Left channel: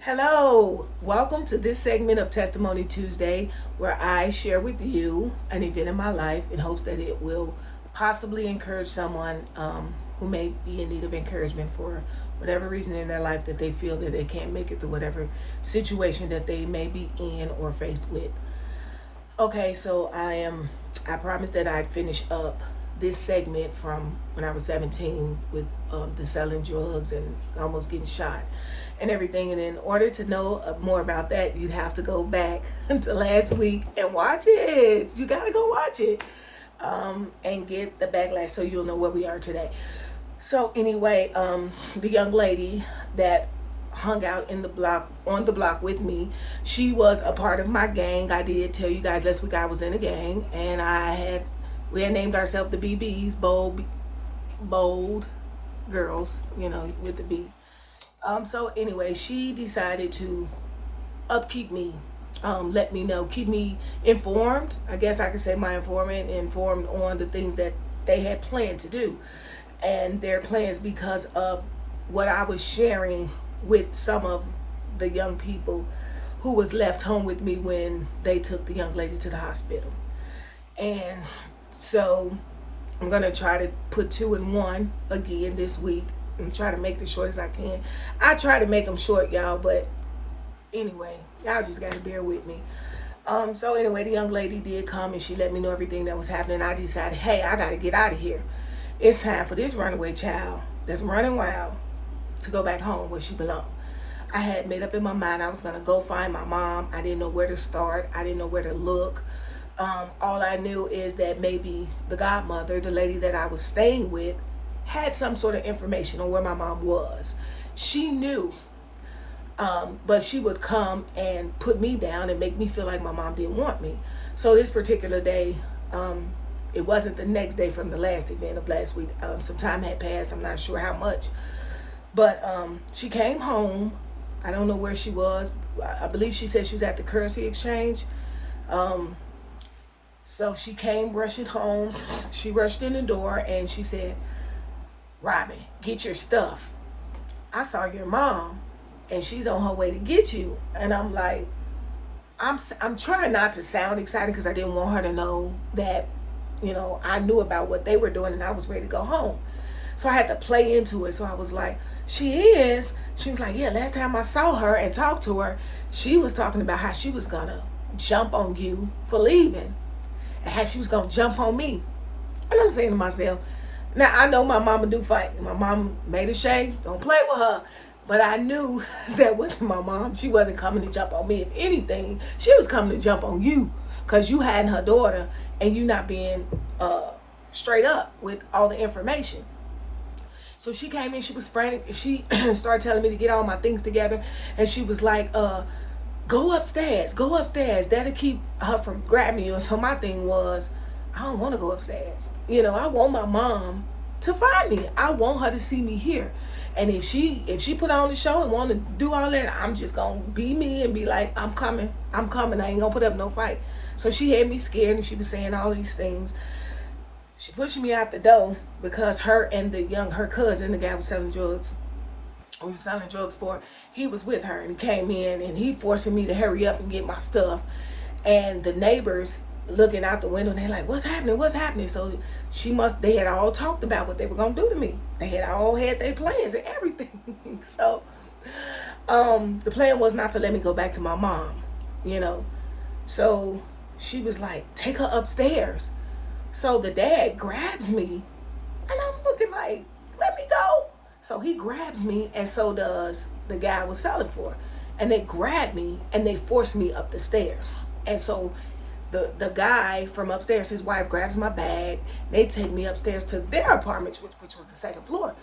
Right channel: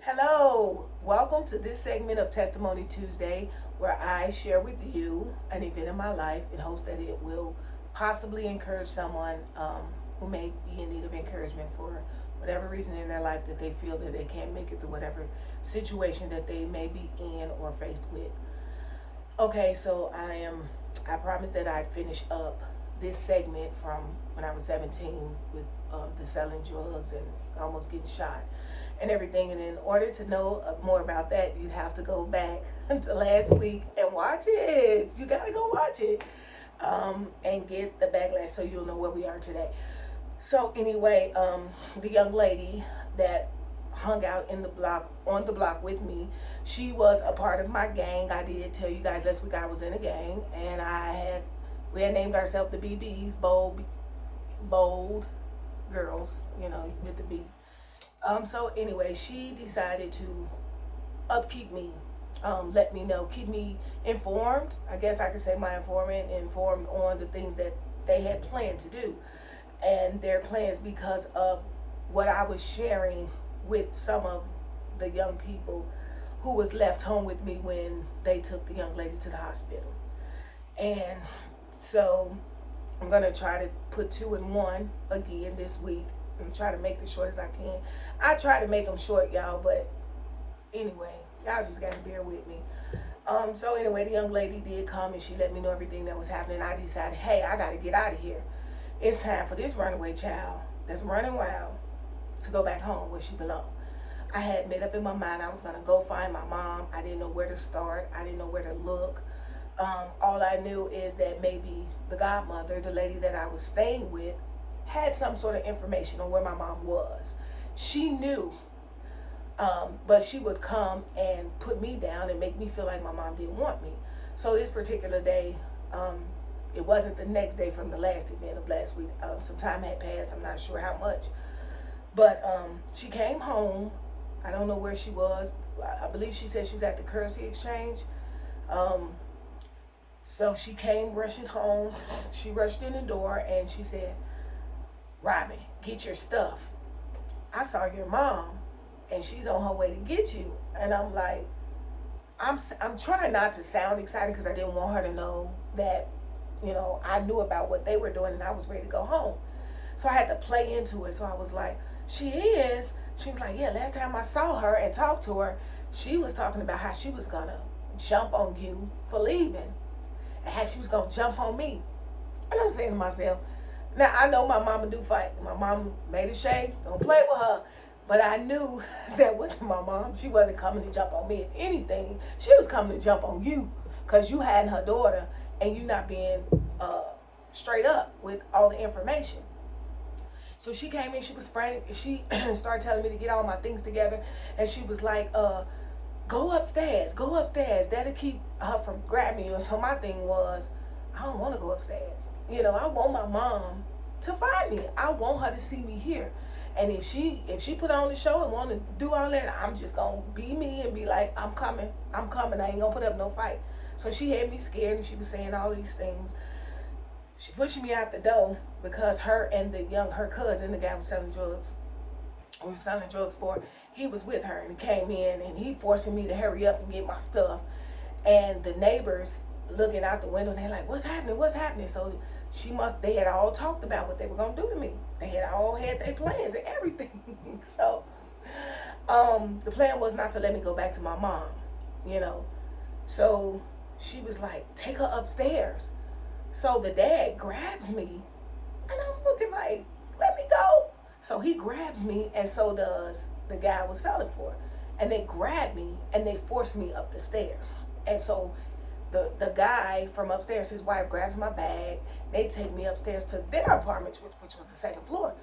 Hello, welcome to this segment of Testimony Tuesday where I share with you an event in my life in hopes that it will possibly encourage someone who may be in need of encouragement for whatever reason in their life that they feel that they can't make it through whatever situation that they may be in or faced with. Okay, so I promised that I'd finish up this segment from when I was 17 with the selling drugs and almost getting shot and everything. And in order to know more about that, you'd have to go back to last week and watch it. You gotta go watch it and get the backlash so you'll know where we are today. So anyway, the young lady that hung out in the block on the block with me, she was a part of my gang. I did tell you guys last week I was in a gang, and we had named ourselves the BBs, bold girls, with the B. So anyway, she decided to upkeep me, let me know, keep me informed. I guess I could say my informant, informed on the things that they had planned to do and their plans because of what I was sharing with some of the young people who was left home with me when they took the young lady to the hospital. And so I'm gonna try to put two in one again this week. I'm trying to make this short as I can. I try to make them short, y'all, but anyway, y'all just gotta bear with me. So anyway, the young lady did come and she let me know everything that was happening. I decided, hey, I gotta get out of here. It's time for this runaway child that's running wild to go back home where she belonged. I had made up in my mind I was gonna go find my mom. I didn't know where to start. I didn't know where to look. All I knew is that maybe the godmother, the lady that I was staying with, had some sort of information on where my mom was. She knew, but she would come and put me down and make me feel like my mom didn't want me. So this particular day, it wasn't the next day from the last event of last week. Some time had passed. I'm not sure how much. But she came home. I don't know where she was. I believe she said she was at the currency exchange. So she came rushing home. She rushed in the door and she said, Robin, get your stuff. I saw your mom and she's on her way to get you. And I'm like, I'm trying not to sound excited because I didn't want her to know that, I knew about what they were doing and I was ready to go home. So I had to play into it. So I was like, she is. She was like, yeah, last time I saw her and talked to her, she was talking about how she was gonna jump on you for leaving and how she was gonna jump on me. And I'm saying to myself, now I know my mama do fight. My mom made a shade, don't play with her. But I knew that wasn't my mom. She wasn't coming to jump on me. If anything, she was coming to jump on you because you had her daughter and you not being straight up with all the information. So she came in, she was frantic. She started telling me to get all my things together. And she was like, go upstairs, go upstairs. That'll keep her from grabbing you. And so my thing was, I don't want to go upstairs. I want my mom to find me. I want her to see me here. And if she put on the show and want to do all that, I'm just going to be me and be like, I'm coming. I ain't going to put up no fight. So she had me scared and she was saying all these things. She pushed me out the door because her and her cousin, the guy was selling drugs, we were selling drugs for, he was with her and he came in and he forcing me to hurry up and get my stuff. And the neighbors looking out the window and they're like, what's happening? What's happening? So they had all talked about what they were going to do to me. They had all had their plans and everything. So the plan was not to let me go back to my mom. So she was like, take her upstairs. So the dad grabs me and I'm looking like, let me go. So he grabs me and so does the guy I was selling for. And they grab me and they force me up the stairs. And so the guy from upstairs, his wife grabs my bag. They take me upstairs to their apartment, which was the second floor.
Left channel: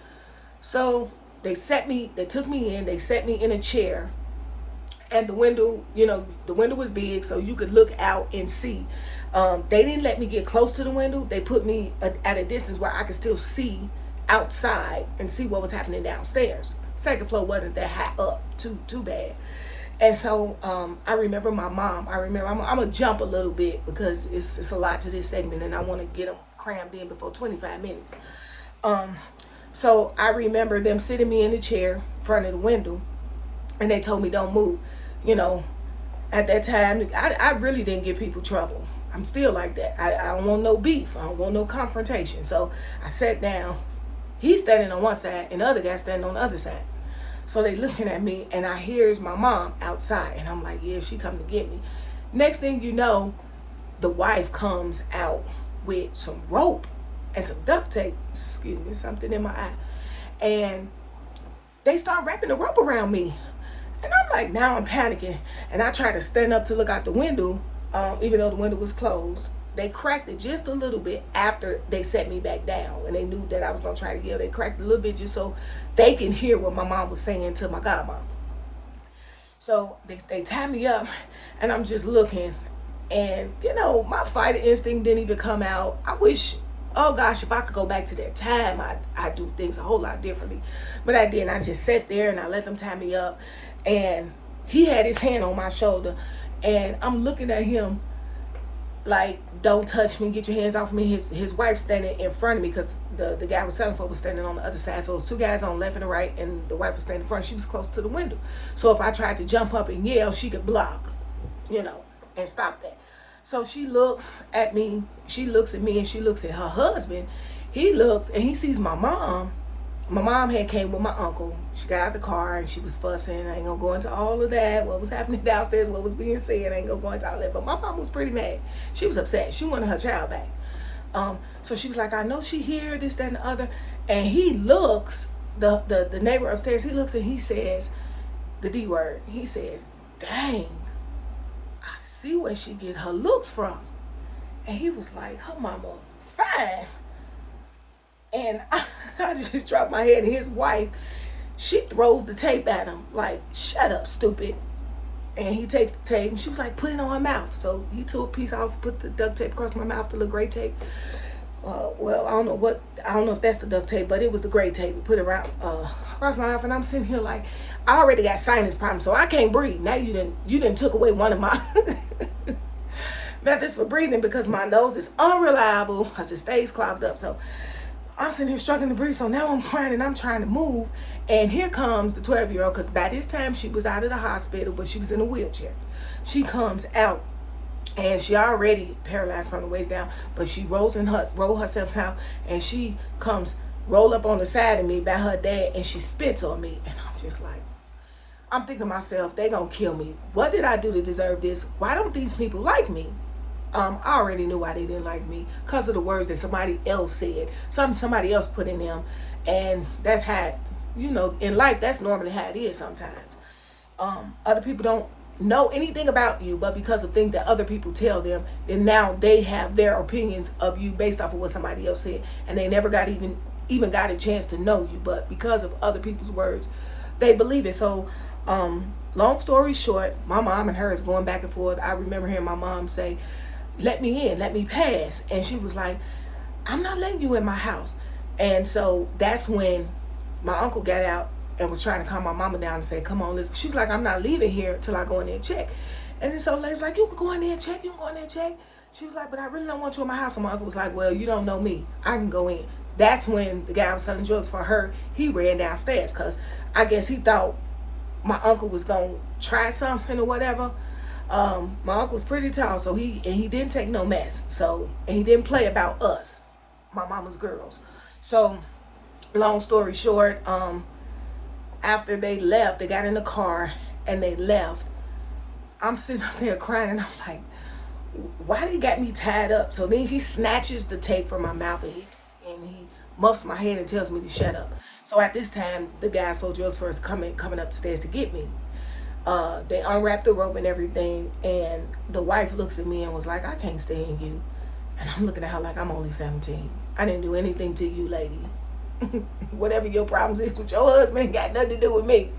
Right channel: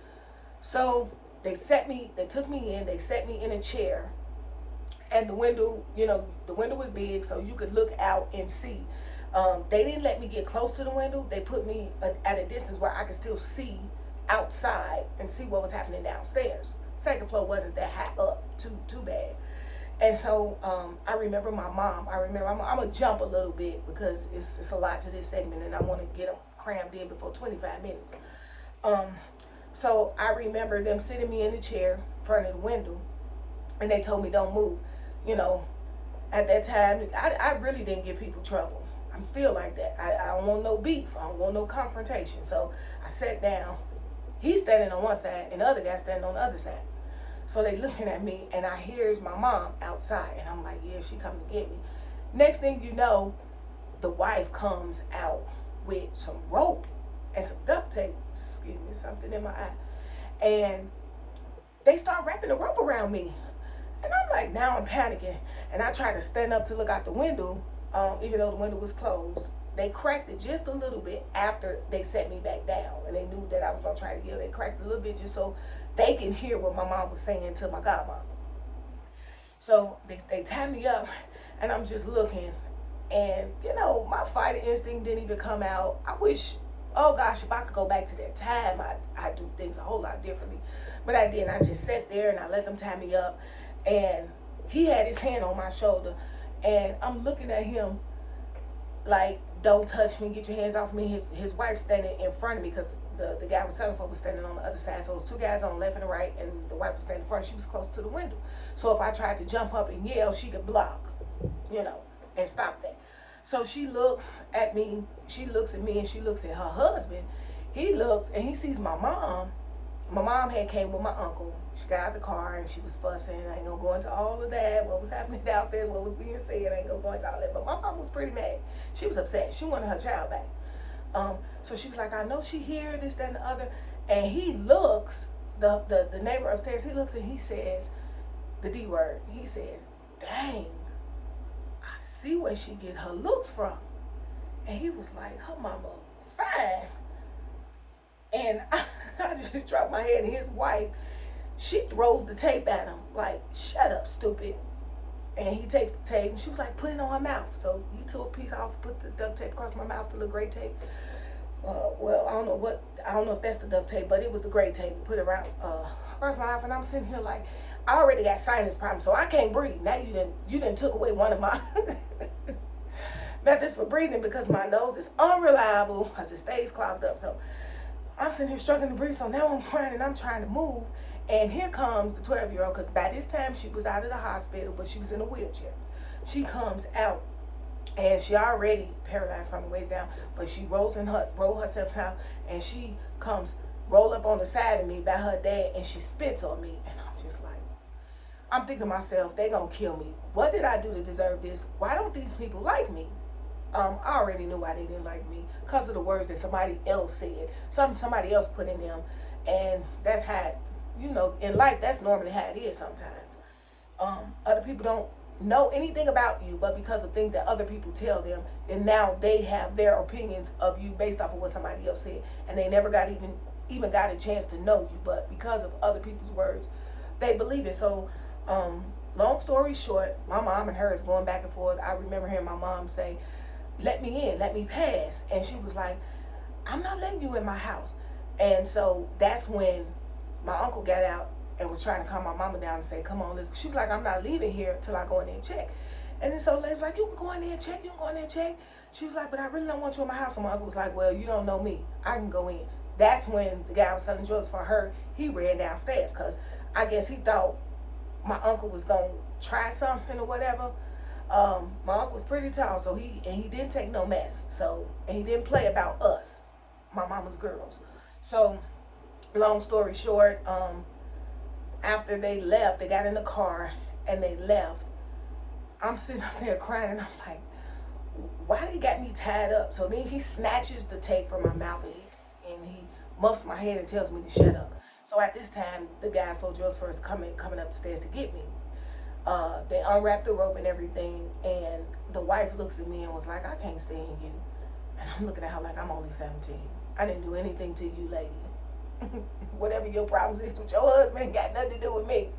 So they took me in, they set me in a chair. And the window was big so you could look out and see. They didn't let me get close to the window. They put me at a distance where I could still see outside and see what was happening downstairs. Second floor wasn't that high up, too bad. And so I remember my mom. I'm gonna jump a little bit because it's a lot to this segment and I want to get them crammed in before 25 minutes. So I remember them sitting me in the chair in front of the window and they told me don't move. You know, at that time, I really didn't give people trouble. I'm still like that. I don't want no beef. I don't want no confrontation. So I sat down. He's standing on one side and the other guy standing on the other side. So they looking at me and I hears my mom outside and I'm like, yeah, she coming to get me. Next thing you know, the wife comes out with some rope and some duct tape, excuse me, something in my eye. And they start wrapping the rope around me. And I'm like, now I'm panicking. And I try to stand up to look out the window, even though the window was closed. They cracked it just a little bit after they set me back down. And they knew that I was going to try to yell. They cracked it a little bit just so they can hear what my mom was saying to my godmom. So they tied me up and I'm just looking. And, you know, my fighter instinct didn't even come out. I wish, oh gosh, if I could go back to that time, I'd do things a whole lot differently. But I didn't. I just sat there and I let them tie me up. And he had his hand on my shoulder. And I'm looking at him like, don't touch me, get your hands off me. His wife standing in front of me because the guy was selling for was standing on the other side. So it was two guys on the left and the right, and the wife was standing in front. She was close to the window. So if I tried to jump up and yell, she could block, you know, and stop that. So she looks at me, she looks at me, and she looks at her husband. He looks and he sees my mom. My mom had came with my uncle. She got out the car and she was fussing. I ain't gonna go into all of that. What was happening downstairs, what was being said. I ain't gonna go into all that. But my mom was pretty mad. She was upset. She wanted her child back. So she was like, I know she here, this, that, and the other. And he looks, the neighbor upstairs, he looks and he says, the D word. He says, dang, I see where she gets her looks from. And he was like, her mama fine. And I just dropped my head, and his wife, she throws the tape at him like, shut up, stupid. And he takes the tape and she was like, put it on her mouth. So he took a piece off, put the duct tape across my mouth, the little gray tape. Well, I don't know if that's the duct tape, but it was the gray tape. He put it around across my mouth, and I'm sitting here like, I already got sinus problems, so I can't breathe. Now you didn't took away one of my methods for breathing because my nose is unreliable because it stays clogged up. So I'm sitting here struggling to breathe. So now I'm crying and I'm trying to move. And here comes the 12-year-old, because by this time she was out of the hospital, but she was in a wheelchair. She comes out and she already paralyzed from the waist down, but she roll herself out, and she comes roll up on the side of me by her dad, and she spits on me. And I'm just like, I'm thinking to myself, they gonna kill me. What did I do to deserve this? Why don't these people like me? I already knew why they didn't like me, because of the words that somebody else said, somebody else put in them. And that's how, you know, in life, that's normally how it is sometimes. Other people don't know anything about you, but because of things that other people tell them, and now they have their opinions of you based off of what somebody else said, and they never got even got a chance to know you, but because of other people's words, they believe it. So long story short, my mom and her is going back and forth. I remember hearing my mom say, let me in, let me pass. And she was like, I'm not letting you in my house. And so that's when my uncle got out and was trying to calm my mama down and say, come on, listen. She was like, I'm not leaving here till I go in there and check. And then so the lady was like, you can go in there and check, you can go in there and check. She was like, but I really don't want you in my house. And my uncle was like, well, you don't know me, I can go in. That's when the guy was selling drugs for her, he ran downstairs, because I guess he thought my uncle was gonna try something or whatever. My uncle was pretty tall, so he didn't take no mess. So, and he didn't play about us, my mama's girls. So long story short, after they left, they got in the car and they left. I'm sitting up there crying, and I'm like, why they got me tied up? So then he snatches the tape from my mouth, and he muffs my head and tells me to shut up. So at this time, the guy sold drugs for us coming up the stairs to get me. They unwrapped the rope and everything, and the wife looks at me and was like, I can't stand you. And I'm looking at her like, I'm only 17. I didn't do anything to you, lady. Whatever your problems is with your husband, got nothing to do with me.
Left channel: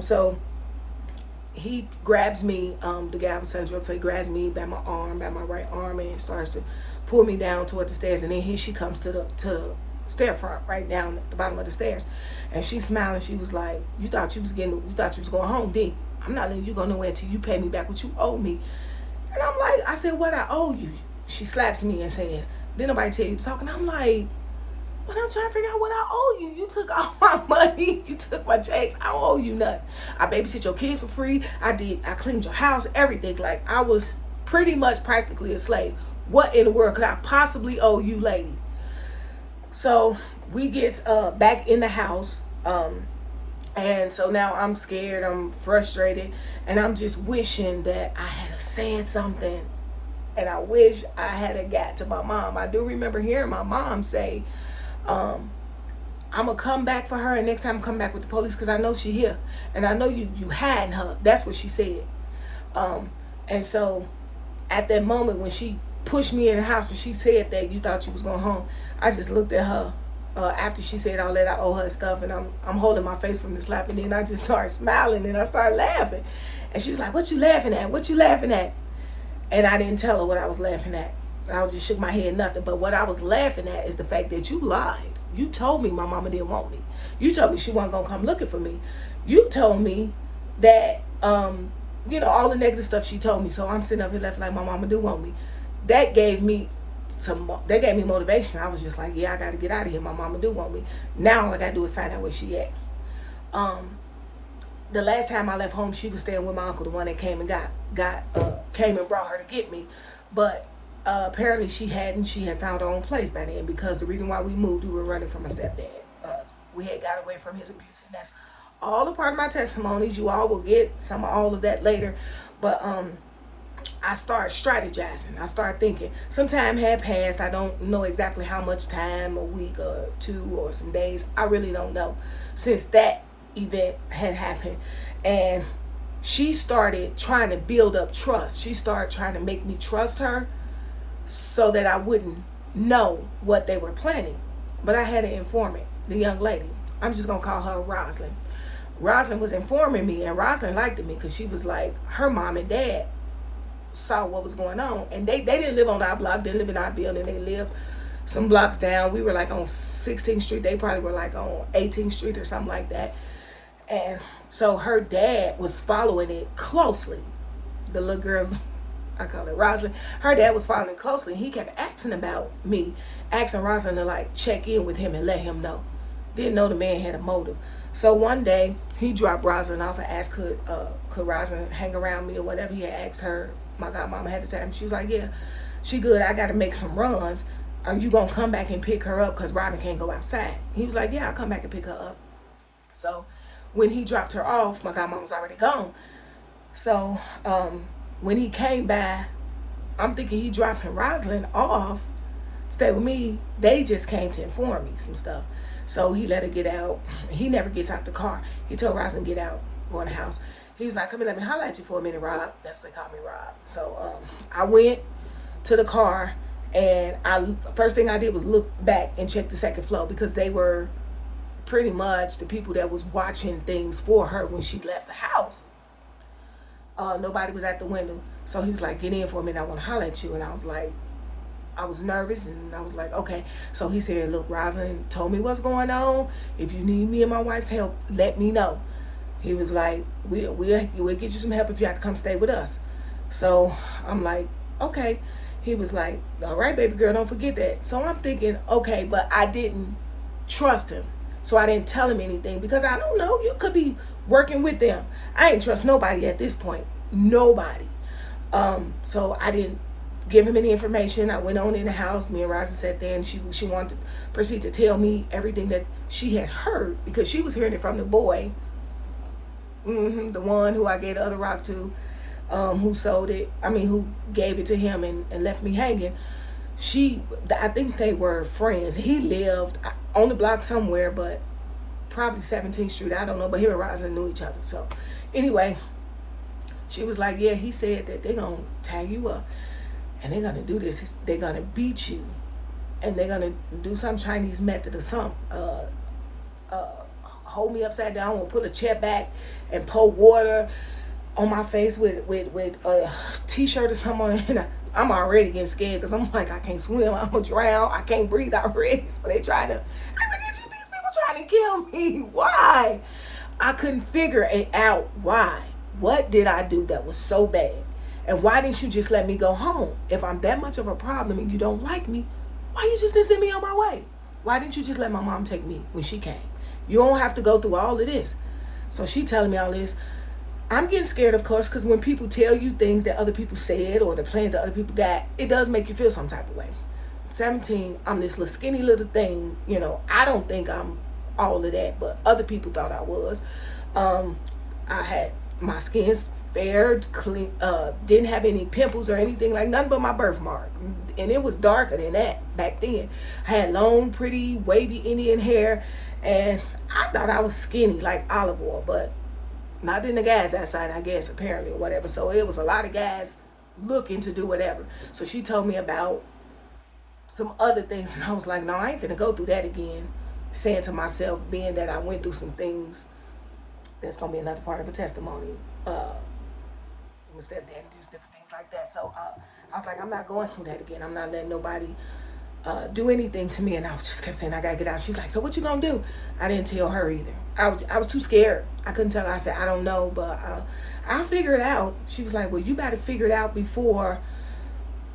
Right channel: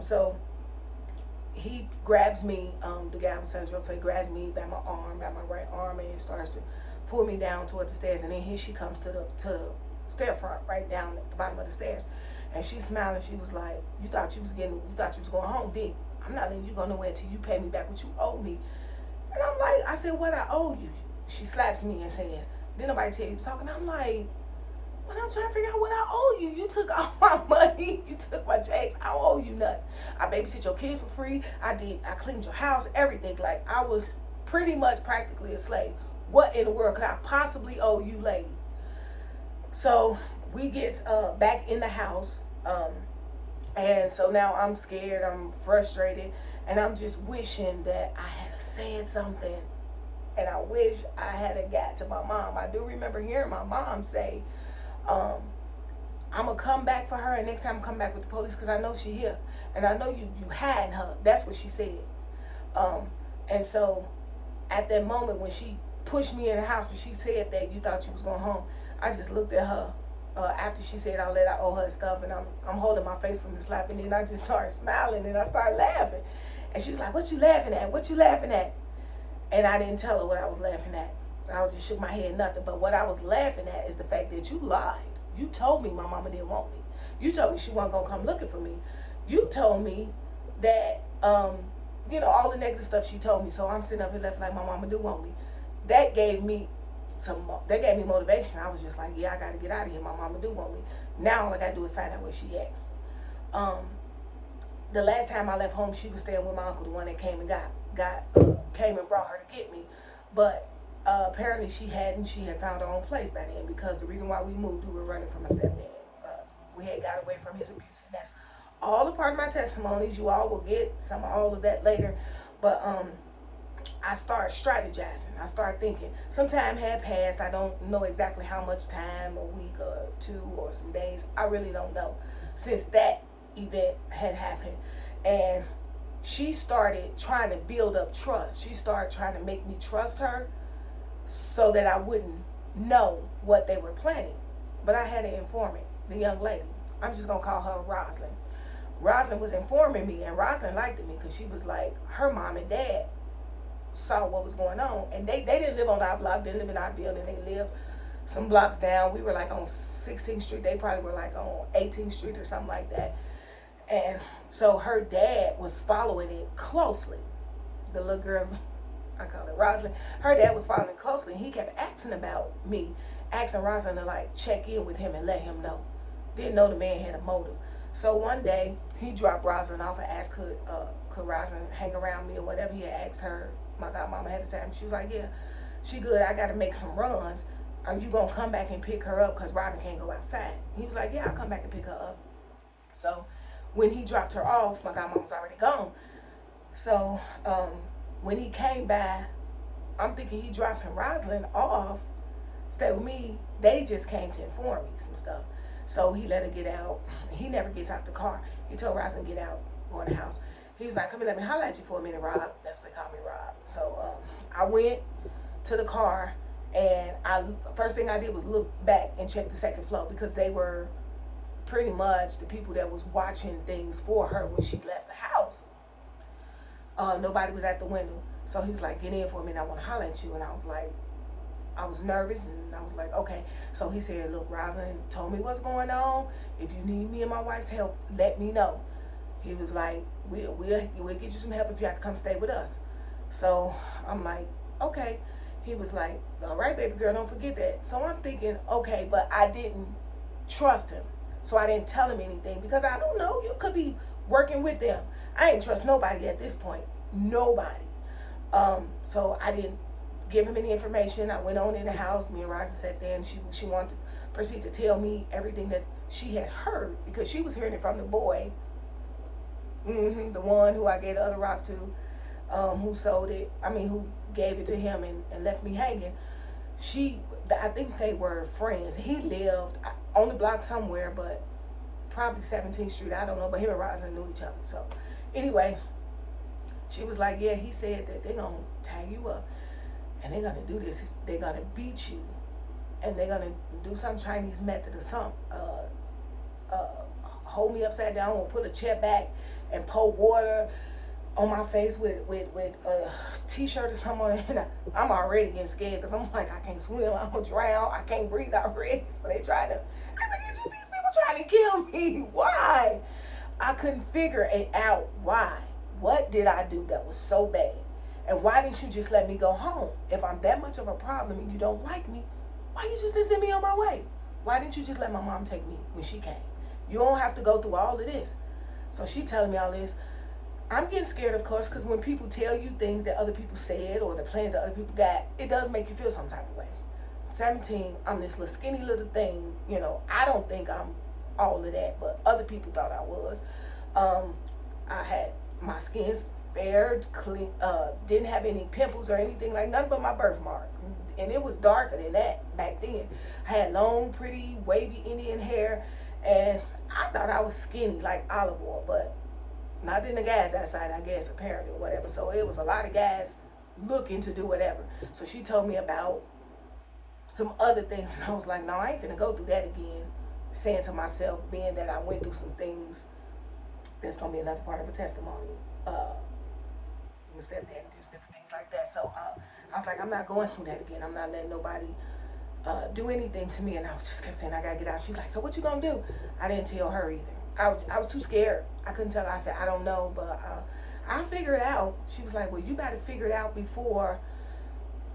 So he grabs me, the guy was selling drugs, so he grabs me by my right arm, and starts to pull me down toward the stairs. And then she comes to the stair front, right down at the bottom of the stairs. And she smiled, and she was like, you thought you was going home, didn't you? I'm not letting you go nowhere until you pay me back what you owe me. And I'm like, I said, what I owe you? She slaps me and says, didn't nobody tell you to talk? And I'm like, But I'm trying to figure out what I owe you. You took all my money. You took my checks. I don't owe you nothing. I babysit your kids for free. I cleaned your house, everything. Like, I was pretty much practically a slave. What in the world could I possibly owe you, lady? So we get back in the house. And so now I'm scared. I'm frustrated. And I'm just wishing that I had said something. And I wish I had got to my mom. I do remember hearing my mom say, I'm gonna come back for her, and next time come back with the police, because I know she here, and I know you hiding her. That's what she said. And so at that moment when she pushed me in the house and she said that you thought you was going home, I just looked at her after she said all that I owe her stuff, and I'm holding my face from the slap, and then I just started smiling and I started laughing, and she was like, "What you laughing at? What you laughing at?" And I didn't tell her what I was laughing at. I just shook my head, nothing. But what I was laughing at is the fact that you lied. You told me my mama didn't want me. You told me she wasn't gonna come looking for me. You told me that, you know, all the negative stuff she told me. So I'm sitting up here left like my mama do want me. That gave me motivation. I was just like, yeah, I gotta get out of here. My mama do want me. Now all I gotta do is find out where she at. The last time I left home, she was staying with my uncle, the one that came and came and brought her to get me. But apparently she hadn't. She had found her own place by then, because the reason why we moved, we were running from a stepdad. We had got away from his abuse, and that's all a part of my testimonies. You all will get some of all of that later. But I started strategizing. I started thinking. Some time had passed. I don't know exactly how much time, a week or two or some days. I really don't know, since that event had happened. And she started trying to build up trust. She started trying to make me trust her so that I wouldn't know what they were planning. But I had an informant, the young lady. I'm just gonna call her Rosalind. Rosalind was informing me, and Rosalind liked me because she was like, her mom and dad saw what was going on, and they didn't live on our block, didn't live in our building. They lived some blocks down. We were like on 16th Street. They probably were like on 18th Street or something like that. And so her dad was following it closely. The little girl's, I call it Rosalind. Her dad was following it closely. He kept asking about me, asking Rosalind to like check in with him and let him know. Didn't know the man had a motive. So one day he dropped Rosalind off and asked could Rosalind hang around me or whatever. He had asked her. My godmama had to time. She was like, yeah, she good. I got to make some runs. Are you gonna come back and pick her up? Because Robin can't go outside. He was like, yeah, I'll come back and pick her up. So when he dropped her off, my godmama was already gone. So when he came by, I'm thinking he dropping Rosalind off, stay with me. They just came to inform me some stuff. So he let her get out. He never gets out the car. He told Rosalind, get out, go in the house. He was like, come here, let me holler at you for a minute, Rob. That's what they call me, Rob. So I went to the car, and first thing I did was look back and check the second floor, because they were pretty much the people that was watching things for her when she left the house. Nobody was at the window. So he was like, get in for a minute, I want to holler at you. And I was like, I was nervous, and I was like, okay. So he said, look, Rosalind told me what's going on. If you need me and my wife's help, let me know. He was like, we'll get you some help if you have to come stay with us. So I'm like, okay. He was like, all right, baby girl, don't forget that. So I'm thinking, okay, but I didn't trust him. So I didn't tell him anything, because I don't know, you could be working with them. I ain't trust nobody at this point. Nobody. So I didn't give him any information. I went on in the house. Me and Rosa sat there, and she wanted to proceed to tell me everything that she had heard, because she was hearing it from the boy. The one who I gave the other rock to, who sold it. I mean, who gave it to him and left me hanging. I think they were friends. He lived on the block somewhere, but probably 17th Street. I don't know, but him and Rosalind knew each other. So anyway, she was like, yeah, he said that they're going to tie you up, and they're going to do this. They're going to beat you, and they're going to do some Chinese method or something. Hold me upside down, and pull a chair back and pour water on my face with a t-shirt or something on it. And I'm already getting scared, because I'm like, I can't swim, I'm gonna drown, I can't breathe already. So they trying to, these people trying to kill me. Why? I couldn't figure it out. Why? What did I do that was so bad? And why didn't you just let me go home? If I'm that much of a problem and you don't like me, why you just didn't send me on my way? Why didn't you just let my mom take me when she came? You don't have to go through all of this. So she telling me all this. I'm getting scared, of course, because when people tell you things that other people said or the plans that other people got, it does make you feel some type of way. 17, I'm this little skinny little thing. You know, I don't think I'm all of that, but other people thought I was. I had my skin's fair, clean, didn't have any pimples or anything, like nothing but my birthmark. And it was darker than that back then. I had long, pretty, wavy Indian hair, and I thought I was skinny like olive oil, but not in the guys outside, I guess, apparently, or whatever. So it was a lot of guys looking to do whatever. So she told me about some other things, and I was like, no, I ain't finna go through that again. Saying to myself, being that I went through some things, that's gonna be another part of a testimony. My stepdad, just different things like that. So I was like, I'm not going through that again. I'm not letting nobody do anything to me. And I was just kept saying, I gotta get out. She was like, so what you gonna do? I didn't tell her either. I was too scared. I couldn't tell her. I said, I don't know, but I'll figure it out. She was like, well, you better figure it out before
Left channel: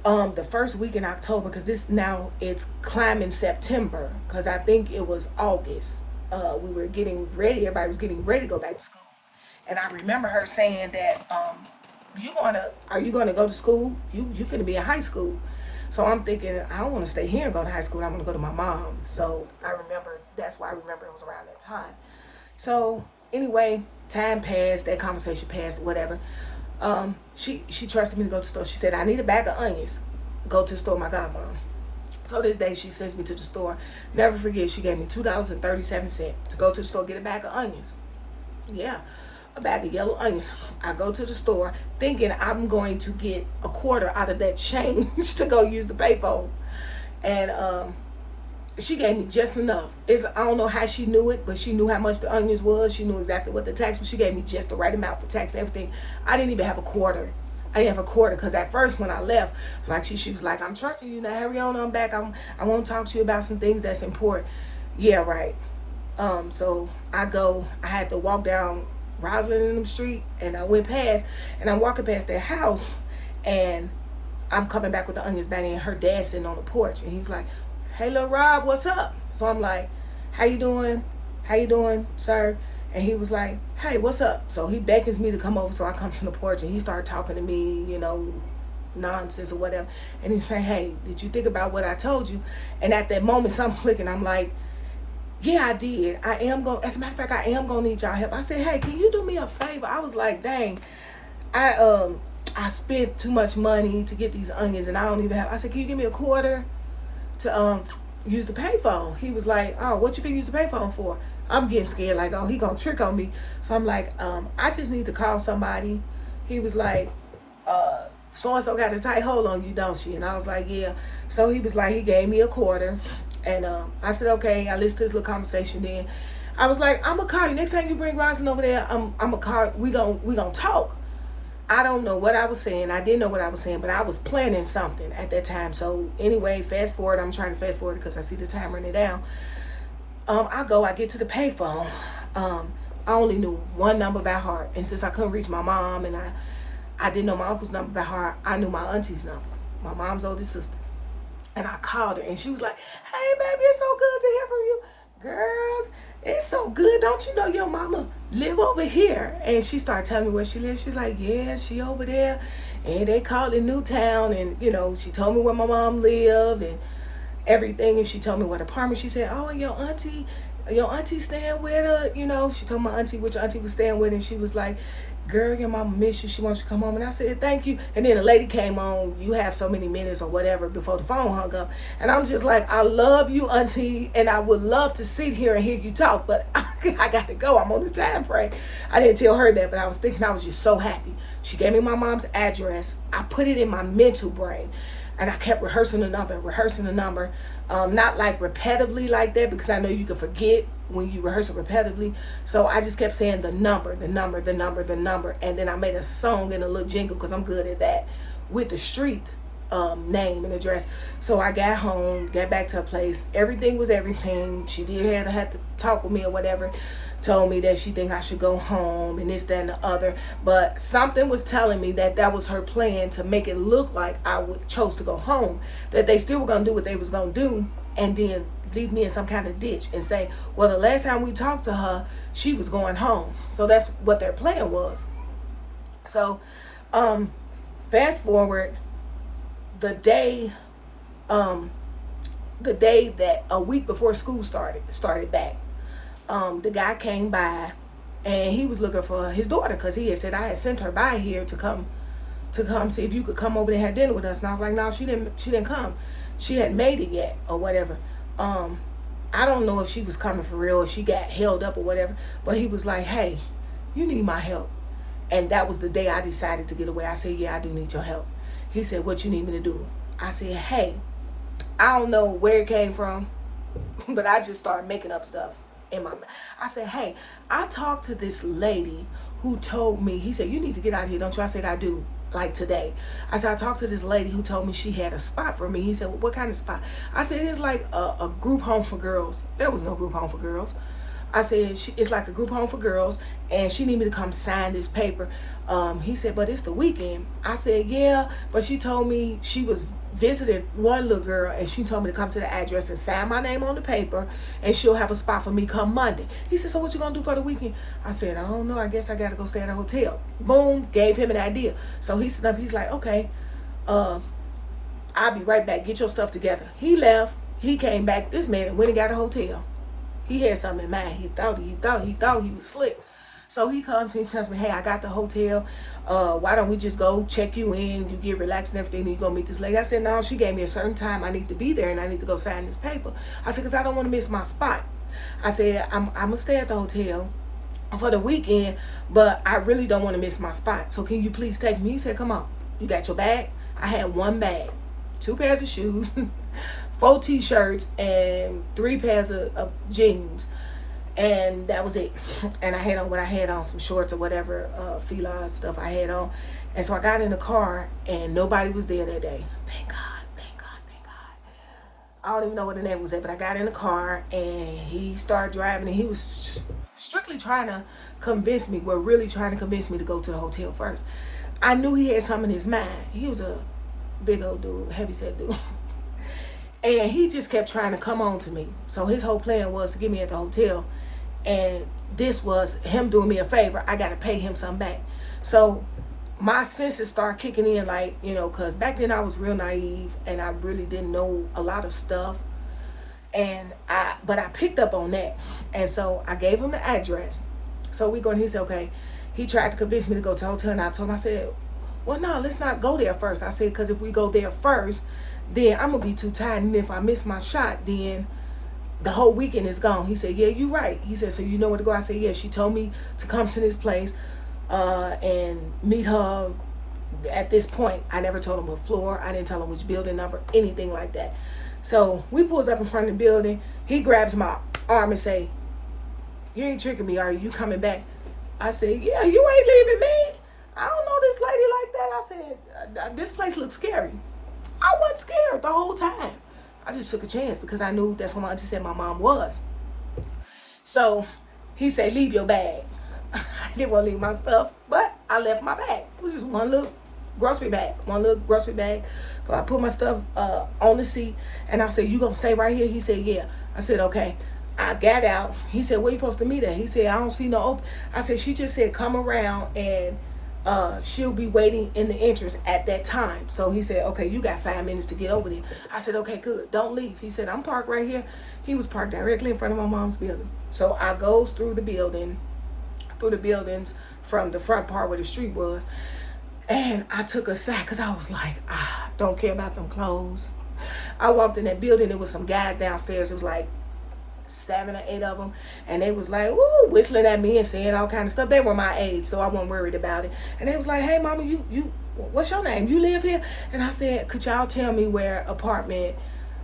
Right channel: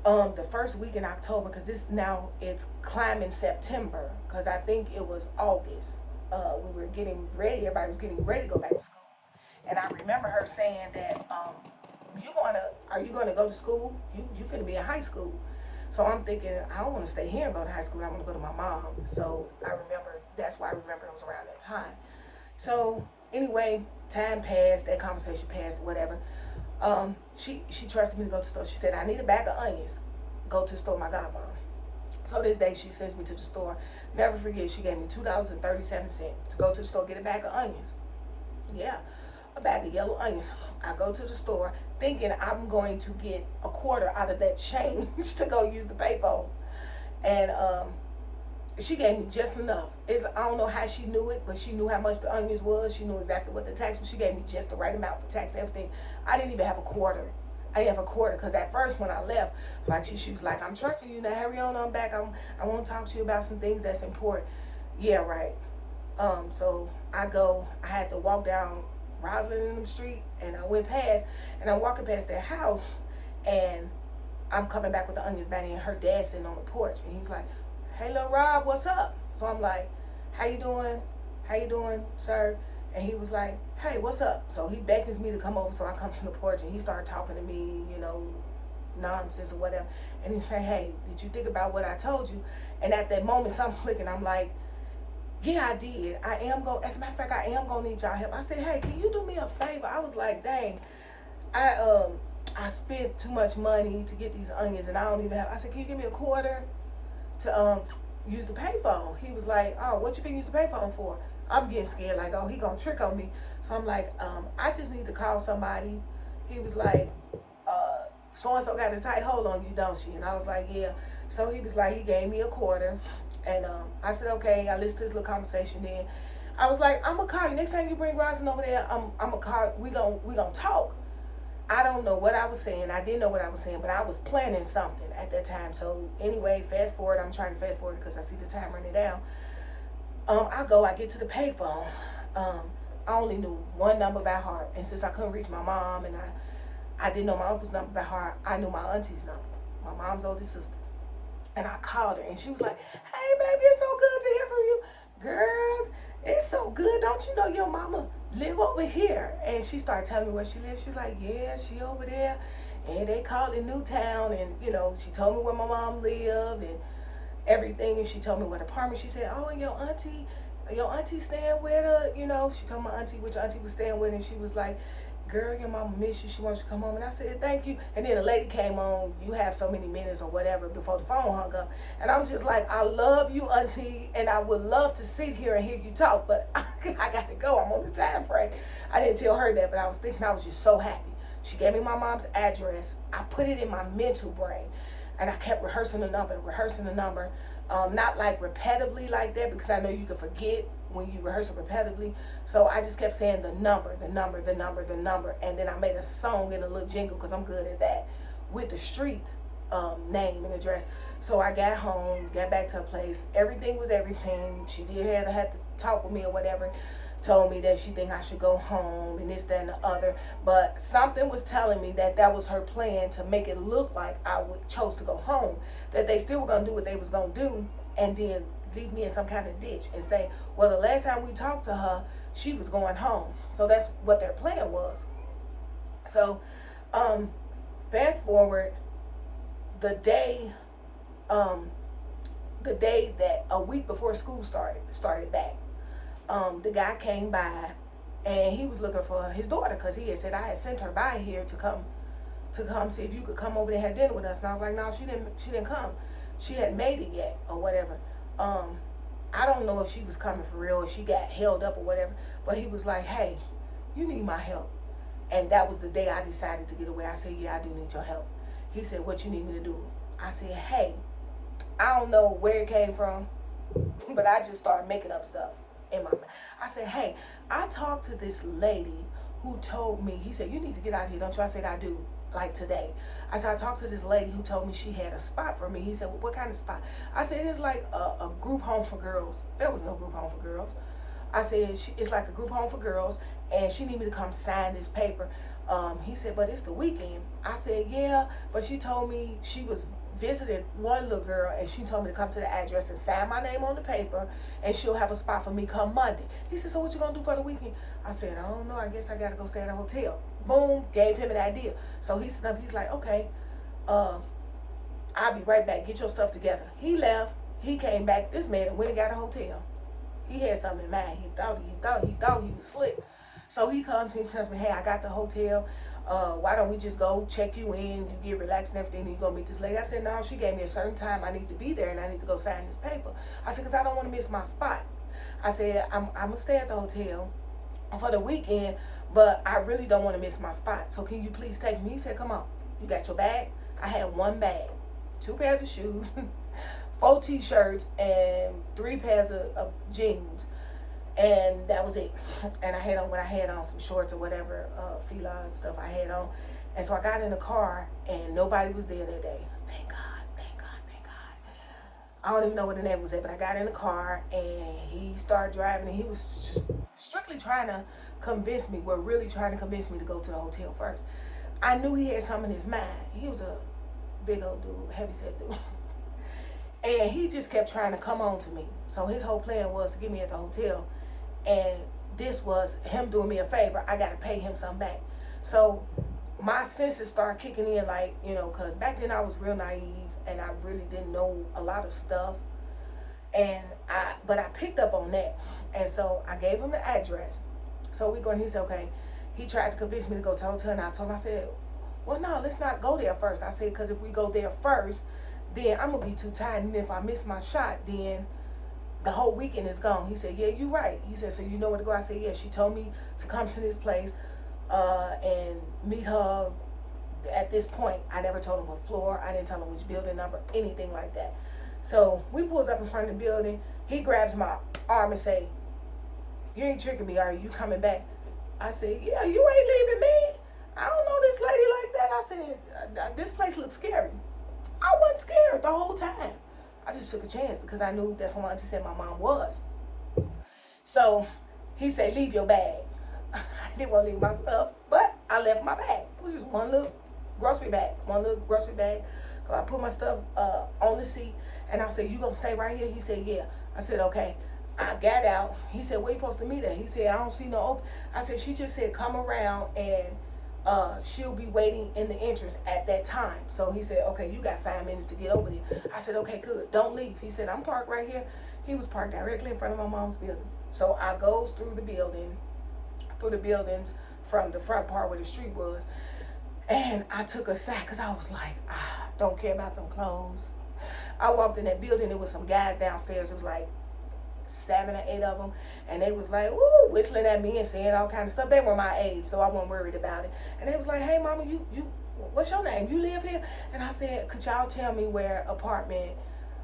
the first week in October, because this now it's climbing September, because I think it was August. We were getting ready. Everybody was getting ready to go back to school. And I remember her saying that, are you gonna go to school? You finna be in high school. So I'm thinking, I don't want to stay here and go to high school. I'm gonna go to my mom. So I remember, that's why I remember it was around that time. So anyway, time passed, that conversation passed, whatever. She trusted me to go to the store. She said, I need a bag of onions. Go to the store, my godmom. So this day she sends me to the store. Never forget, she gave me $2.37 to go to the store, get a bag of onions. Yeah, a bag of yellow onions. I go to the store thinking I'm going to get a quarter out of that change to go use the payphone. And she gave me just enough. I don't know how she knew it, but she knew how much the onions was. She knew exactly what the tax was. She gave me just the right amount for tax and everything. I didn't even have a quarter. I didn't have a quarter, because at first when I left, like she was like, I'm trusting you now, hurry on back. I want to talk to you about some things that's important. Yeah, right. So I had to walk down Roslyn in them street, and I went past, and I'm walking past their house, and I'm coming back with the onions back, and her dad sitting on the porch, and he was like, hey, little Rob, what's up? So I'm like, how you doing? How you doing, sir? And he was like, hey, what's up? So he beckons me to come over, so I come to the porch, and he started talking to me, you know, nonsense or whatever. And he's saying, hey, did you think about what I told you? And at that moment, something clicking. I'm like, yeah, I did. As a matter of fact, I am going to need y'all help. I said, hey, can you do me a favor? I was like, dang, I spent too much money to get these onions, and I don't even have. I said, can you give me a quarter to use the payphone? He was like, oh, what you think you use the payphone for? I'm getting scared, like, oh, he gonna trick on me. So I'm like, I just need to call somebody. He was like, so-and-so got a tight hold on you, don't she? And I was like, yeah. So he was like, he gave me a quarter. And I said, okay. I listened to this little conversation. Then I was like, I'm gonna call you. Next time you bring Rosin over there, I'm gonna call, we gonna talk. I don't know what I was saying. I didn't know what I was saying, but I was planning something at that time. So anyway, fast forward. I'm trying to fast forward because I see the time running down. I get to the payphone. I only knew one number by heart. And since I couldn't reach my mom, and I didn't know my uncle's number by heart, I knew my auntie's number, my mom's oldest sister. And I called her, and she was like, hey, baby, it's so good to hear from you. Girl, it's so good. Don't you know your mama live over here? And she started telling me where she lives. She's like, yeah, she over there. And they call it Newtown. And, you know, she told me where my mom lived and everything. And she told me what apartment. She said, oh, and your auntie staying with her. You know, she told my auntie which auntie was staying with. And she was like, girl, your mama miss you. She wants you to come home. And I said, thank you. And then a lady came on, you have so many minutes or whatever before the phone hung up. And I'm just like, I love you, auntie, and I would love to sit here and hear you talk, but I got to go. I'm on the time frame. I didn't tell her that, but I was thinking, I was just so happy. She gave me my mom's address. I put it in my mental brain, and I kept rehearsing the number. Not like repetitively like that, because I know you can forget when you rehearse it repetitively. So I just kept saying the number. And then I made a song and a little jingle, because I'm good at that, with the street name and address. So I got home, got back to her place. Everything was everything. She did have to talk with me or whatever. Told me that she think I should go home and this, that, and the other. But something was telling me that that was her plan, to make it look like I chose to go home. That they still were going to do what they was going to do, and then leave me in some kind of ditch and say, well, the last time we talked to her, she was going home. So that's what their plan was. So fast forward, the day that a week before school started back, the guy came by and he was looking for his daughter, because he had said I had sent her by here to come see if you could come over there and have dinner with us. And I was like, no, she didn't come. She hadn't made it yet or whatever. I don't know if she was coming for real or she got held up or whatever, but he was like, hey, you need my help. And that was the day I decided to get away. I said, yeah, I do need your help. He said, what you need me to do? I said, hey, I don't know where it came from, but I just started making up stuff in my mind. I said, hey, I talked to this lady who told me, he said, you need to get out of here, don't you? I said, I do, like today. I said, I talked to this lady who told me she had a spot for me. He said, well, what kind of spot? I said, it's like a group home for girls. There was no group home for girls. I said, it's like a group home for girls, and she need me to come sign this paper. He said, but it's the weekend. I said, yeah, but she told me she was visiting one little girl, and she told me to come to the address and sign my name on the paper, and she'll have a spot for me come Monday. He said, so what you gonna do for the weekend? I said, I don't know, I guess I gotta go stay at a hotel. Boom, gave him an idea. So he stood up, he's like, okay, I'll be right back, get your stuff together. He left, he came back, this man went and got a hotel. He had something in mind. He thought he was slick. So he comes and he tells me, hey, I got the hotel. Why don't we just go check you in? You get relaxed and everything, and you go meet this lady. I said, no, she gave me a certain time. I need to be there and I need to go sign this paper. I said, because I don't want to miss my spot. I said, I'm going to stay at the hotel for the weekend, but I really don't want to miss my spot. So can you please take me? He said, come on. You got your bag? I had one bag, 2 pairs of shoes, 4 t-shirts, and 3 pairs of jeans. And that was it. And I had on what I had on, some shorts or whatever, fila stuff I had on. And so I got in the car and nobody was there that day. Thank God, thank God, thank God. I don't even know where the neighbor was at, but I got in the car and he started driving, and he was strictly trying to convince me, really trying to convince me to go to the hotel first. I knew he had something in his mind. He was a big old dude, heavyset dude. And he just kept trying to come on to me. So his whole plan was to get me at the hotel. And this was him doing me a favor. I got to pay him some back. So my senses start kicking in, like, you know, because back then I was real naive and I really didn't know a lot of stuff. But I picked up on that. And so I gave him the address. So we going, he said, okay. He tried to convince me to go to the hotel. And I told him, I said, well, no, let's not go there first. I said, because if we go there first, then I'm going to be too tired. And if I miss my shot, then the whole weekend is gone. He said, yeah, you're right. He said, so you know where to go? I said, yeah, she told me to come to this place and meet her at this point. I never told him what floor. I didn't tell him which building number, anything like that. So we pulls up in front of the building. He grabs my arm and say, you ain't tricking me, are you? You coming back? I said, yeah, you ain't leaving me. I don't know this lady like that. I said, this place looks scary. I wasn't scared the whole time. I just took a chance because I knew that's what my auntie said my mom was. So he said, leave your bag. I didn't want to leave my stuff, but I left my bag. It was just one little grocery bag. So I put my stuff on the seat, and I said, you gonna stay right here? He said, yeah. I said, okay. I got out. He said, where you supposed to meet at? He said, I don't see no open. I said, she just said, come around and she'll be waiting in the entrance at that time. So he said, okay, you got 5 minutes to get over there. I said, okay, good, don't leave. He said, I'm parked right here. He was parked directly in front of my mom's building. So I goes through the buildings from the front part where the street was, and I took a sack because I was like, don't care about them clothes. I walked in that building, there was some guys downstairs. It was like 7 or 8 of them, and they was like, ooh, whistling at me and saying all kind of stuff. They were my age, so I wasn't worried about it. And they was like, hey, mama, you what's your name? You live here? And I said, could y'all tell me where apartment,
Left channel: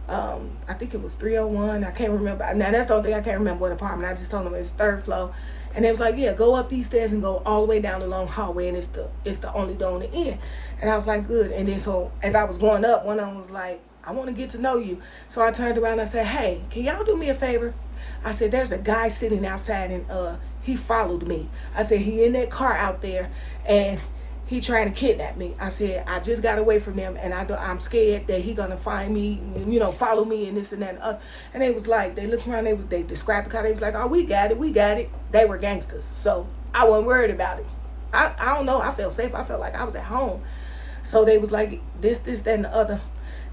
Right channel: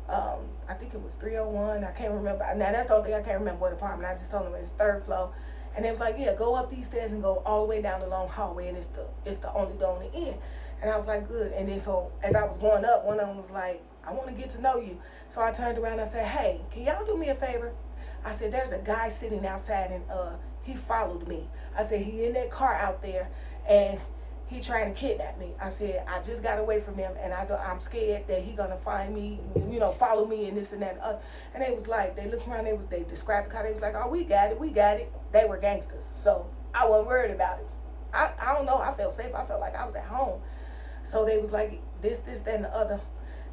I think it was 301, I can't remember. Now that's the only thing I can't remember what apartment. I just told them it's 3rd floor. And they was like, yeah, go up these stairs and go all the way down the long hallway, and it's the only door on the end. And I was like, good. And then so as I was going up, one of them was like, I want to get to know you. So I turned around and I said, hey, can y'all do me a favor? I said, there's a guy sitting outside, and he followed me. I said, he in that car out there, and he trying to kidnap me. I said, I just got away from them, and I'm scared that he gonna find me, follow me and this and that and other. And they was like, they looked around, they described the car, they was like, oh, we got it. They were gangsters, so I wasn't worried about it. I don't know, I felt safe. I felt like I was at home. So they was like, this, that, and the other.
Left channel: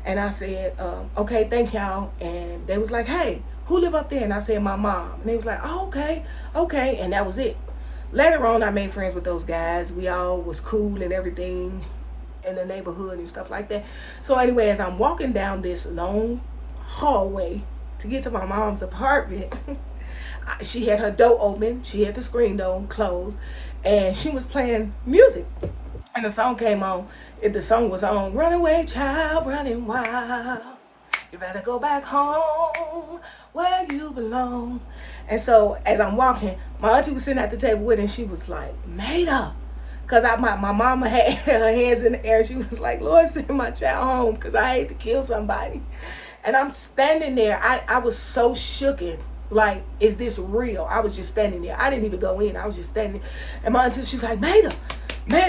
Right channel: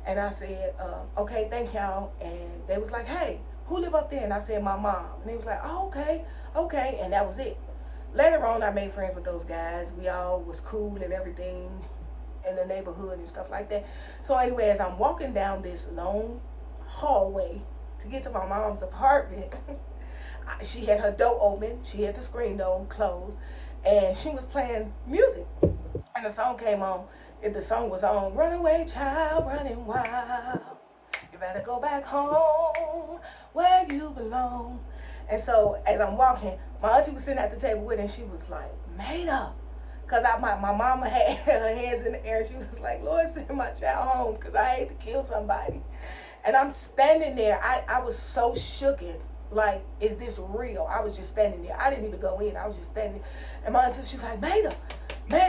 And I said, okay, thank y'all. And they was like, hey, who live up there? And I said, my mom. And they was like, oh, okay. And that was it. Later on, I made friends with those guys. We all was cool and everything in the neighborhood and stuff like that. So anyway, as I'm walking down this long hallway to get to my mom's apartment, she had her door open. She had the screen door closed. And she was playing music. And the song came on. The song was on, runaway child, running wild. You better go back home where you belong. And so as I'm walking, my auntie was sitting at the table with her, and she was like, Maida. Because my mama had her hands in the air. She was like, Lord, send my child home because I hate to kill somebody. And I'm standing there. I was so shooken. Like, is this real? I was just standing there. I didn't even go in. I was just standing. And my auntie, she was like, Maida,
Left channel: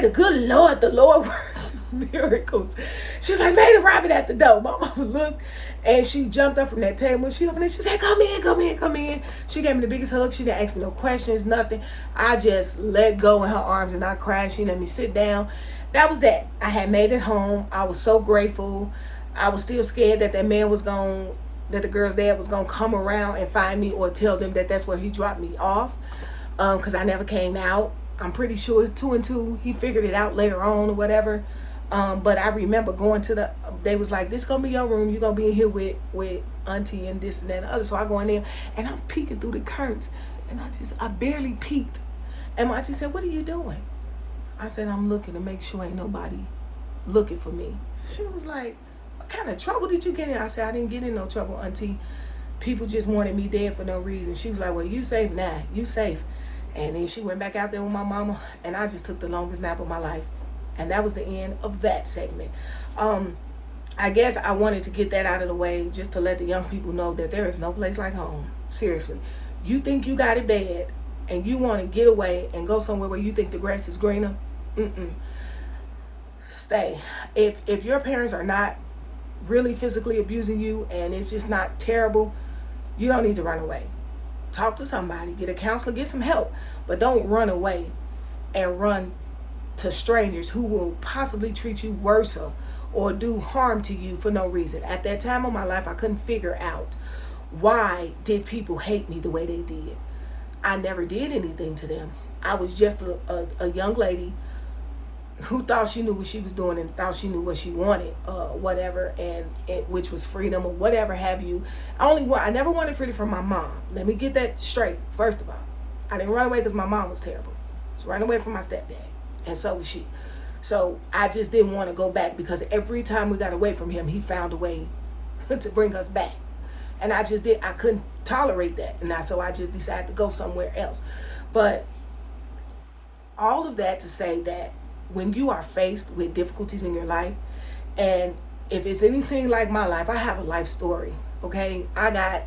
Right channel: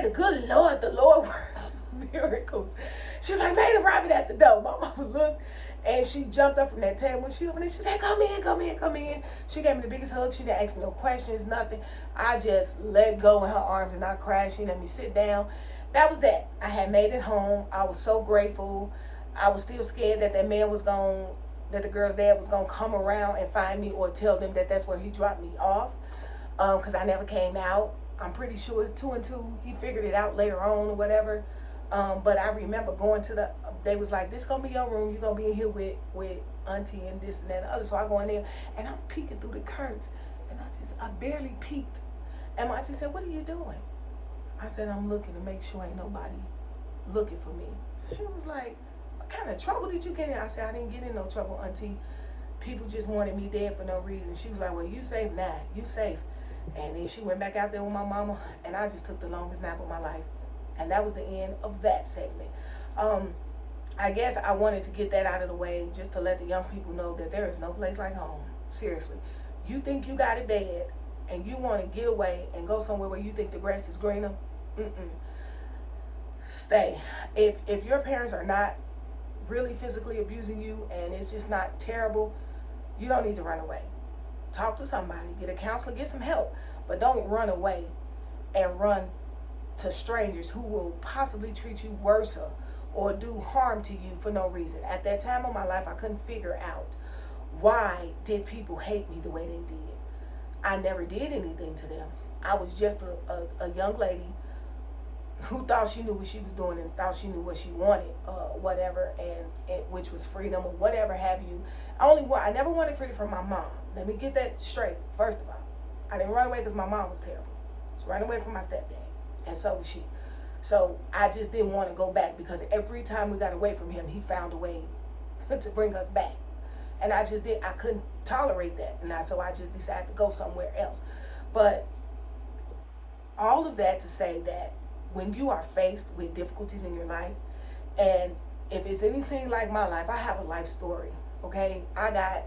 good Lord, the Lord works miracles. She was like, Maida, Robin at the door. My mama looked, and she jumped up from that table. She opened it. She said, come in. She gave me the biggest hug. She didn't ask me no questions, nothing. I just let go in her arms, and I cried. She let me sit down. That was that. I had made it home. I was so grateful. I was still scared that that man was going, that the girl's dad was going to come around and find me or tell them that that's where he dropped me off, because I never came out. I'm pretty sure 2 and 2, he figured it out later on or whatever. But I remember going to they was like, this gonna be your room. You're gonna be in here with auntie and this and that and the other. So I go in there, and I'm peeking through the curtains, and I barely peeked. And my auntie said, what are you doing? I said, I'm looking to make sure ain't nobody looking for me. She was like, what kind of trouble did you get in? I said, I didn't get in no trouble, auntie. People just wanted me dead for no reason. She was like, well, you safe now. You safe. And then she went back out there with my mama, and I just took the longest nap of my life. And that was the end of that segment. I guess I wanted to get that out of the way just to let the young people know that there is no place like home. Seriously. You think you got it bad, and you want to get away and go somewhere where you think the grass is greener? Stay. If your parents are not really physically abusing you and it's just not terrible, you don't need to run away. Talk to somebody, get a counselor, get some help, but don't run away and run to strangers who will possibly treat you worse or do harm to you for no reason. At that time of my life, I couldn't figure out why did people hate me the way they did. I never did anything to them. I was just a young lady who thought she knew what she was doing and thought she knew what she wanted, whatever, and which was freedom or whatever have you. I never wanted freedom from my mom. Let me get that straight. First of all, I didn't run away because my mom was terrible. I was running away from my stepdad, and so was she. So I just didn't want to go back because every time we got away from him, he found a way to bring us back, and I couldn't tolerate that, and so I just decided to go somewhere else. But all of that to say that when you are faced with difficulties in your life, and if it's anything like my life, I have a life story, okay? I got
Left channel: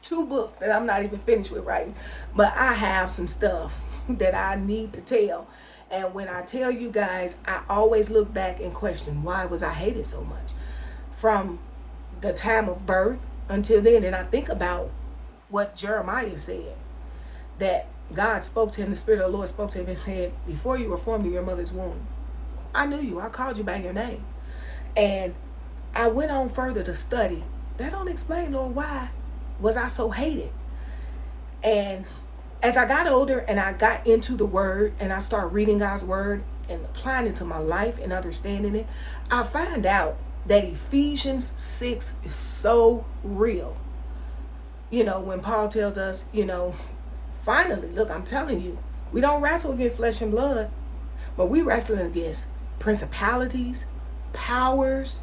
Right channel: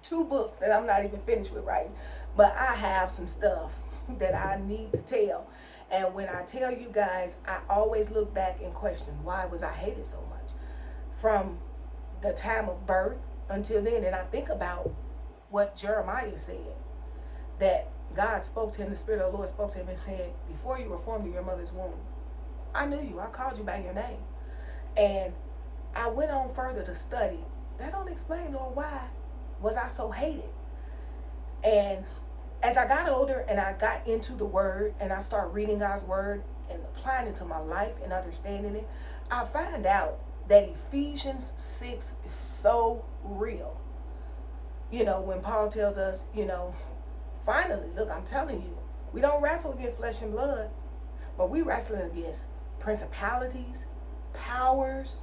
2 books that I'm not even finished with writing, but I have some stuff that I need to tell. And when I tell you guys, I always look back and question, why was I hated so much? From the time of birth until then, and I think about what Jeremiah said, that God spoke to him, the Spirit of the Lord spoke to him and said, before you were formed in your mother's womb, I knew you. I called you by your name. And I went on further to study. That don't explain, Lord, why was I so hated? And as I got older and I got into the Word and I started reading God's Word and applying it to my life and understanding it, I find out that Ephesians 6 is so real. You know, when Paul tells us, finally, look, I'm telling you, we don't wrestle against flesh and blood, but we wrestle against principalities, powers,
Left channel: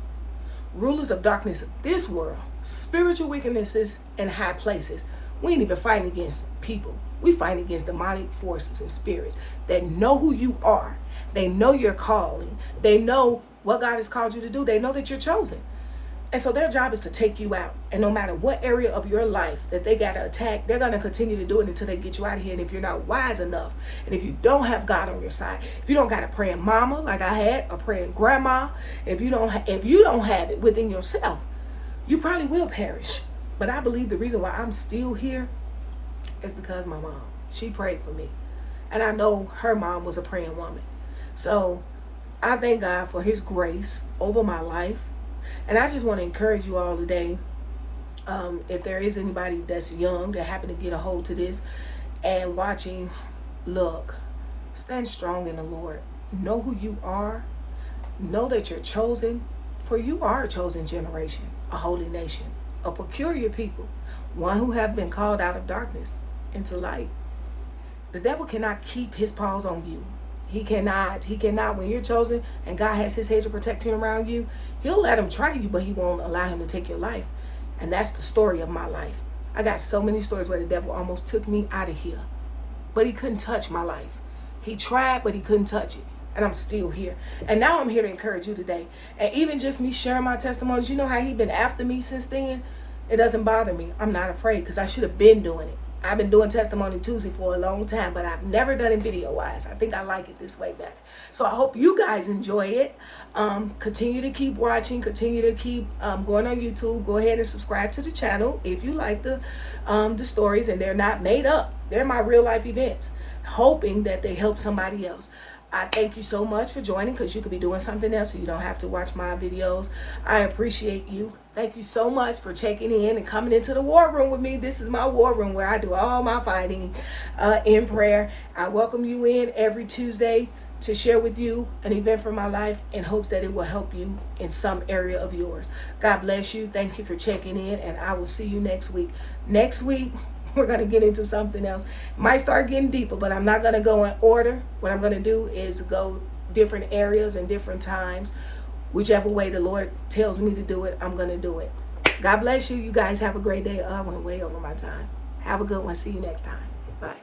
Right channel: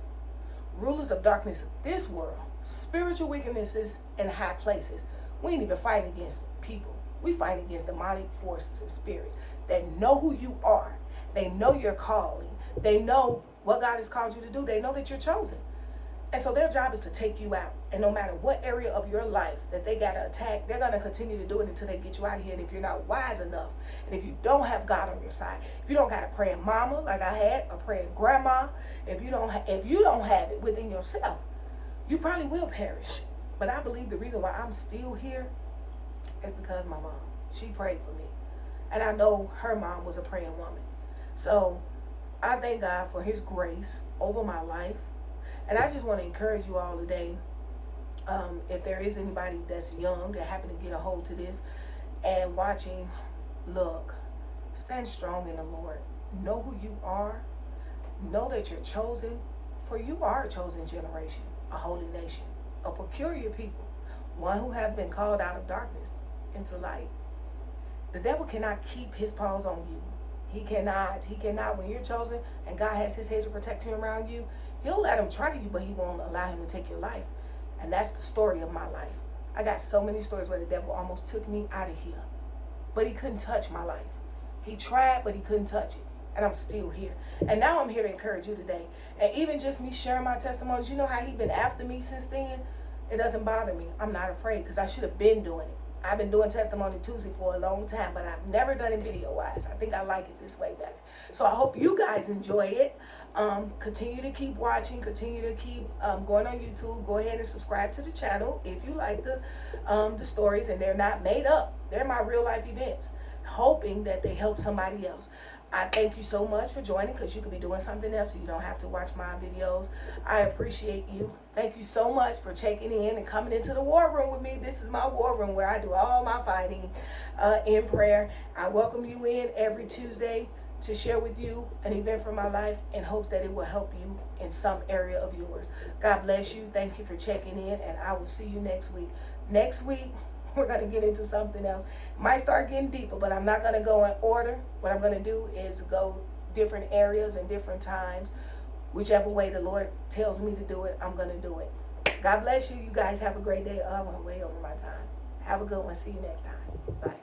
rulers of darkness of this world, spiritual wickednesses in high places. We ain't even fighting against people. We fight against demonic forces and spirits that know who you are. They know your calling. They know what God has called you to do. They know that you're chosen. And so their job is to take you out. And no matter what area of your life that they got to attack, they're going to continue to do it until they get you out of here. And if you're not wise enough, and if you don't have God on your side, if you don't got a praying mama like I had, a praying grandma, if you don't have it within yourself, you probably will perish. But I believe the reason why I'm still here is because my mom, she prayed for me. And I know her mom was a praying woman. So I thank God for his grace over my life. And I just want to encourage you all today, if there is anybody that's young that happen to get a hold to this and watching, look, stand strong in the Lord. Know who you are. Know that you're chosen, for you are a chosen generation, a holy nation, a peculiar people, one who have been called out of darkness into light. The devil cannot keep his paws on you. He cannot, when you're chosen and God has his hedge of protection around you, he'll let him try you, but he won't allow him to take your life. And that's the story of my life. I got so many stories where the devil almost took me out of here, but he couldn't touch my life. He tried, but he couldn't touch it. And I'm still here. And now I'm here to encourage you today. And even just me sharing my testimonies, you know how he been after me since then? It doesn't bother me. I'm not afraid, because I should have been doing it. I've been doing Testimony Tuesday for a long time, but I've never done it video-wise. I think I like it this way better. So I hope you guys enjoy it. Continue to keep watching. Continue to keep going on YouTube. Go ahead and subscribe to the channel if you like the stories, and they're not made up. They're my real-life events, hoping that they help somebody else. I thank you so much for joining, because you could be doing something else, so you don't have to watch my videos. I appreciate you. Thank you so much for checking in and coming into the war room with me. This is my war room where I do all my fighting in prayer. I welcome you in every Tuesday to share with you an event from my life in hopes that it will help you in some area of yours. God bless you. Thank you for checking in, and I will see you next week. Next week, we're going to get into something else. It might start getting deeper, but I'm not going to go in order. What I'm going to do is go different areas and different times. Whichever way the Lord tells me to do it, I'm going to do it. God bless you. You guys have a great day. Oh, I went way over my time. Have a good one. See you next time. Bye.